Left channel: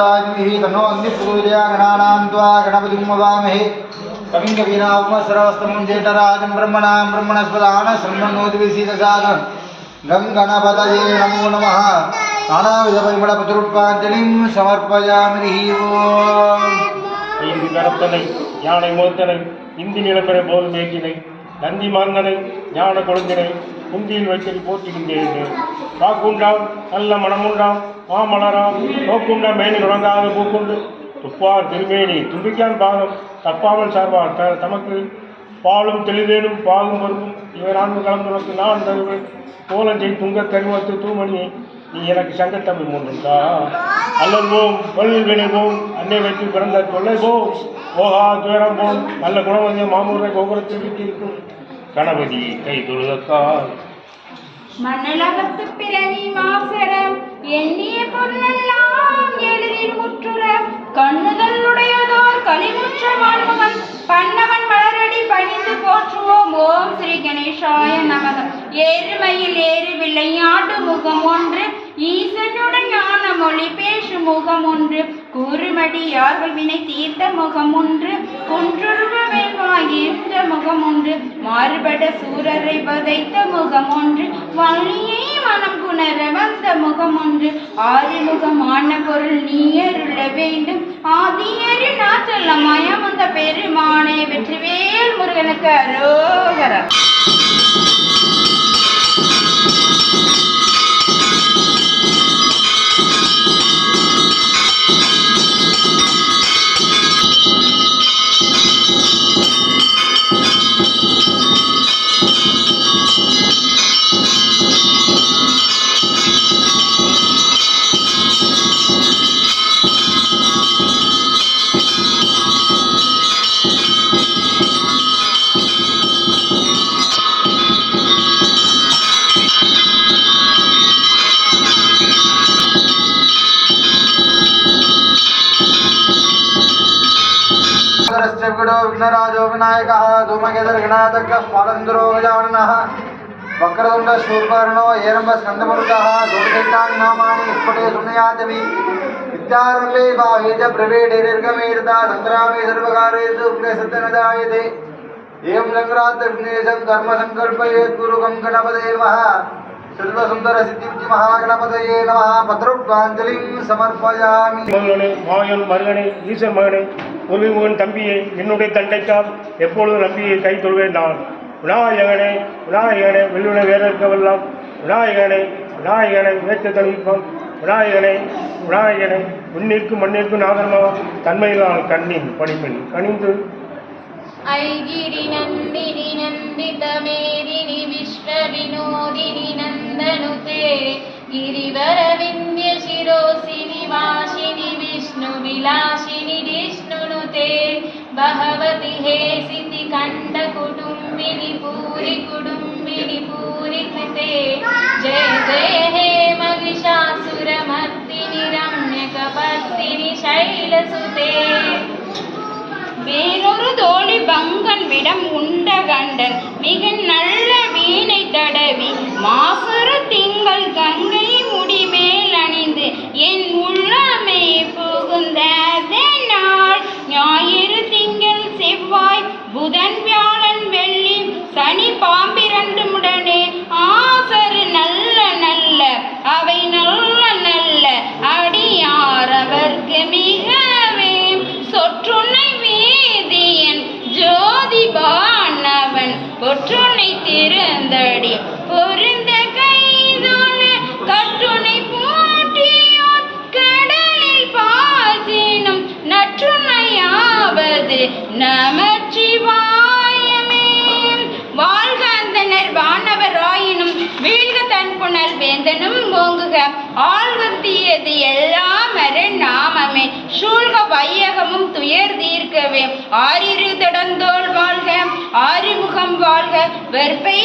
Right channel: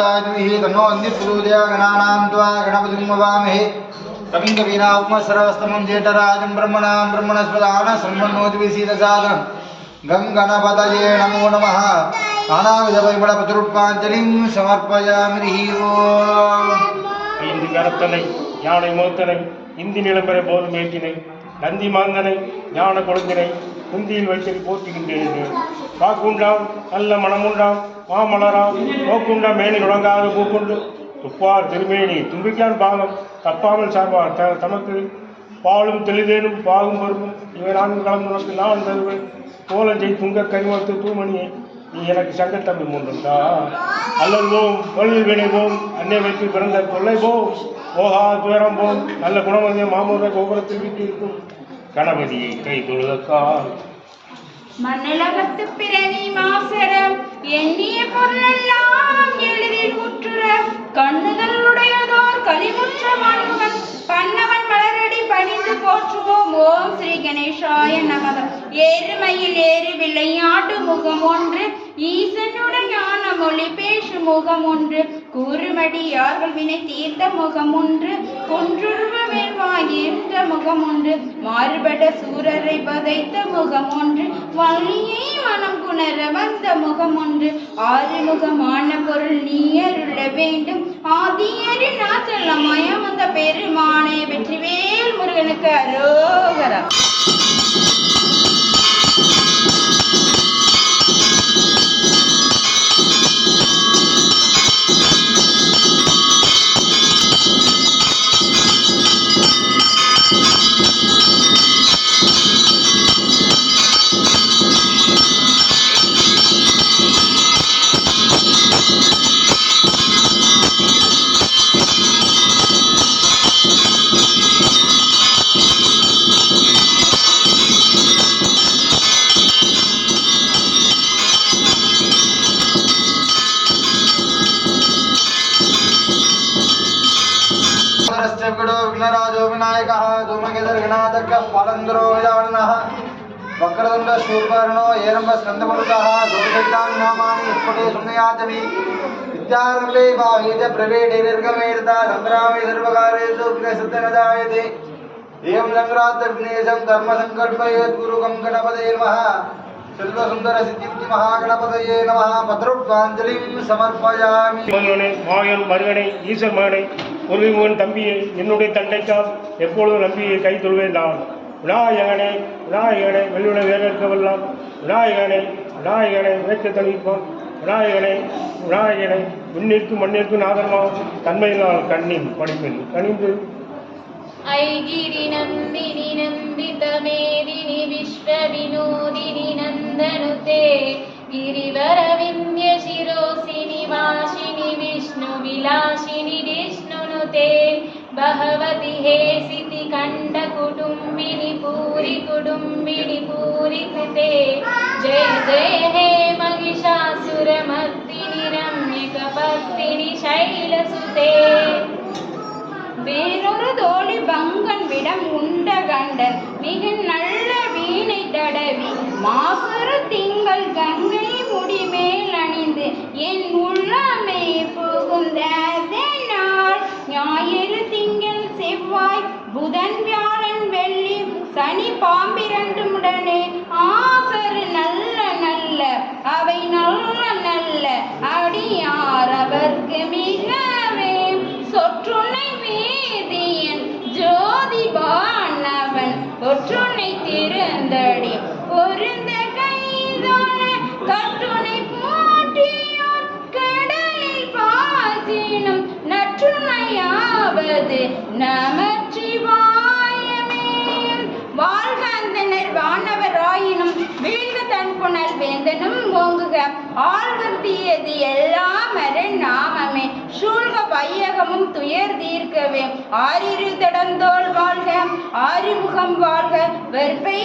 प्रचोदयाद्भिः तन्नो अन्यप्रचोदया गणानां त्वा गणपतिं ववामहे कविं कवीनामुमसरवस्तमं जेठराजं ब्रह्मणां ब्रह्मणस्पदान सम्मन्नोद्विसीदसादनं गं गणपतये नमो नमः नानाविधपरिमळप्रचुरुत्पाञ्जलिं समर्पयामि ओम् ஈந்தி கரத்தனை யானை முகத்தனை இந்தி நிலப்பெற போல் மேற்றினை நந்தி மாந்தனை ஞான கொழுந்தினை குந்தியில் வைத்து போற்றுகின்றேன் வாக்குண்டாம் நல்ல மனமுண்டாம் மாமலராம் நோக்குண்டாம் மேனி நுடங்காக பூக்குண்டு. துப்பார் திருமேனி தும்பிக்கான் பாகம் தப்பாமல் சார்பார் த தமக்கு பாலும் தெளிதேனும் பாகும் பருப்பும் இவை நான்கு கலந்துனக்கு நான் தருவேன். கோலஞ்சை துங்க கரிமத்து தூமணியை நீ எனக்கு சங்கத்தமிழ் மூன்றுண்டா அல்லல் போம் வல் வினை போம் அன்னை வைத்து பிறந்த தொல்லை போம். ஓஹா துயரம் போம் நல்ல குணமதிய மாமூர கோபுரத்தில் வீட்டிருக்கும் கணபதி கை தொழுதக்கால் மண்ணளவத்து பிறவி மாசரம் எண்ணிய பொருளெல்லாம் எளிதில் முற்றுற. கண்ணுதல் உடையதோர் கனிமுற்ற மன்முகன் பண்ணவன் மலரடி பணிந்து போற்றுவோம். ஓம் ஸ்ரீ கணேசாய நமதம் ஏறுமையில் ஏறு விளையாட்டு முகம் ஒன்று ஈசனுடன் ஞான மொழி பேசும் முகம் ஒன்று. கூறுமடியார்கள் வினை தீர்த்த முகம் ஒன்று குன்றுருவ முகம் ஒன்று மாறுபட சூரரை பதைத்த முகம் ஒன்று வள்ளியை மனம் குணர வந்த முகம் ஒன்று ஆறுமுகமான பொருள் நீயருள வேண்டும். ஆதியரி நாச்சல்லமயம் வந்த பெருமானே வெற்றிவேல் முருகனுக்கு విఘ్నకుడు విఘ్నరాజో వినాయక ధూమకేసర వినాయక స్మరంధ్రో విజావన వక్రతుండ శూర్పర్ణో ఏరంబ స్కందమృత దూర్గైతాని నామాని ఇప్పటే శృణయాతవి విద్యారంభే భావేత ప్రవేడే నిర్గమేత సంగ్రామే సర్వకారేషు విఘ్నసత్తనదాయతే ఏం సంగ్రాత విఘ్నేశం కర్మ సంకల్పయేత్ గురు గణపదే నమ మహాగణపతయే నమ భద్రుడ్వాంజలిం సమర్పయామి మరుగణి ఈశ్వర్ முருகன் தம்பியை என்னுடைய தண்டைக்கால் எப்பொழுதும் நம்பியை கை தொழுவேன் நான் விநாயகனே விநாயகனே வெள்ளுனை வேற இருக்கவெல்லாம் விநாயகனை விநாயகனை வேற்ற தணிப்பான் விநாயகனை விநாயகனை விண்ணிற்கும் மண்ணிற்கும் நாகரமாக தன்மையினால் கண்ணின் பணிப்பின் கனிந்து ऐगिरि नन्दिनि नन्दितमेदिनि विश्वविनोदिनि नन्दनुते गिरिवरविन्द्यशिरोसिनि वासिनि विष्णुविलासिनि विष्णुनुते भगवति हेसिति कण्डकुटुम्बिनि पूरि कुटुम्बिनि पूरि कृते जय जय हे महिषासुरमर्दिनि रम्यकपर्दिनि शैलसुते வேறொரு தோழி பங்கன் விடம் உண்ட கண்டன் மிக நல்ல வீணை தடவி மாசுறு திங்கள் கங்கை முடிமேல் அணிந்து என் உள்ளமே புகுந்த புதன் வியாழன் வெள்ளி சனி பாம்பிரண்டு முடனே ஆசரு நல்ல நல்ல அவை நல்ல நல்ல அடியார் அவர்க்கு மிகவே. சொற்றுனை வேதியன் ஜோதிபானவன் ஒற்றுனை திருந்தடி பொருந்த கைதொழ கட்டுனை போட்டியோர் கடலில் பாசினும் நற்றுணையாவது நம வானவர் ஆயினும் வீழ்க தன் புனல் வேந்தனும் ஓங்குக. ஆழ்க தீயது எல்லாம் அர நாமமே. சூழ்க வையகமும் துயர் தீர்க்கவே. ஆறிரு தடந்தோள் வாழ்க ஆறுமுகம் வாழ்க. வெற்பை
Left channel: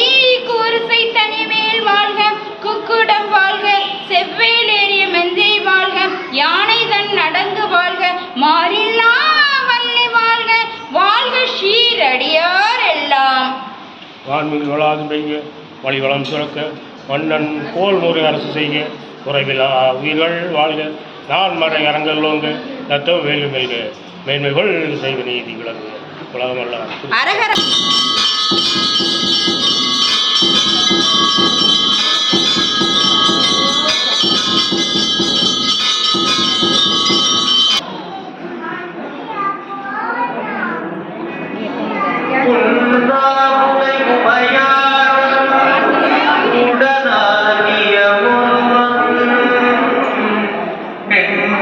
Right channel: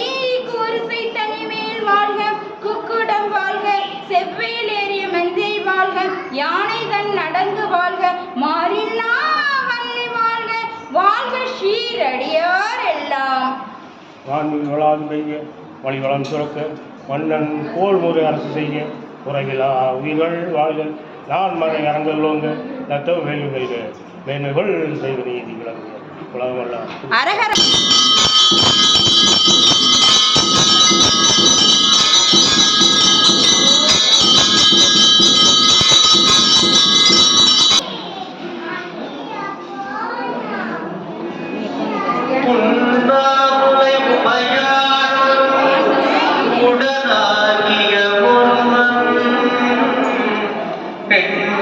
கூறுசை தனிமேல் வாழ்க. குக்குடம் வாழ்க செவ்வேலேறிய மெந்தை வாழ்க. யான் வான்மிகு வளாது பெய்க வழிவளம் சுரக்க மன்னன் கோல் முறை அரசு செய்ய குறைவிலா உயிர்கள் வாழ்க நான் மறை அரங்கல்லோங்க நத்தவ வேலும் வெல்க மேன்மைகள் செய்வ நீதி விளங்குக உலகமல்லாம் அரகர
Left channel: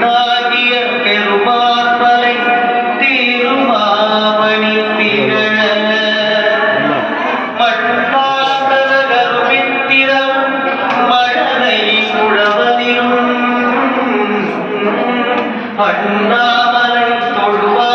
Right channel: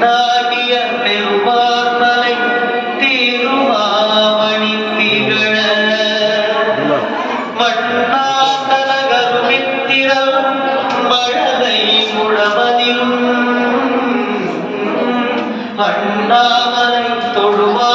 அழகிய பெருமார்பலை திருமாமணி திகழ. பட்டாதலகருமித்திரம் மழலை உழவதிலும் தொழுவார்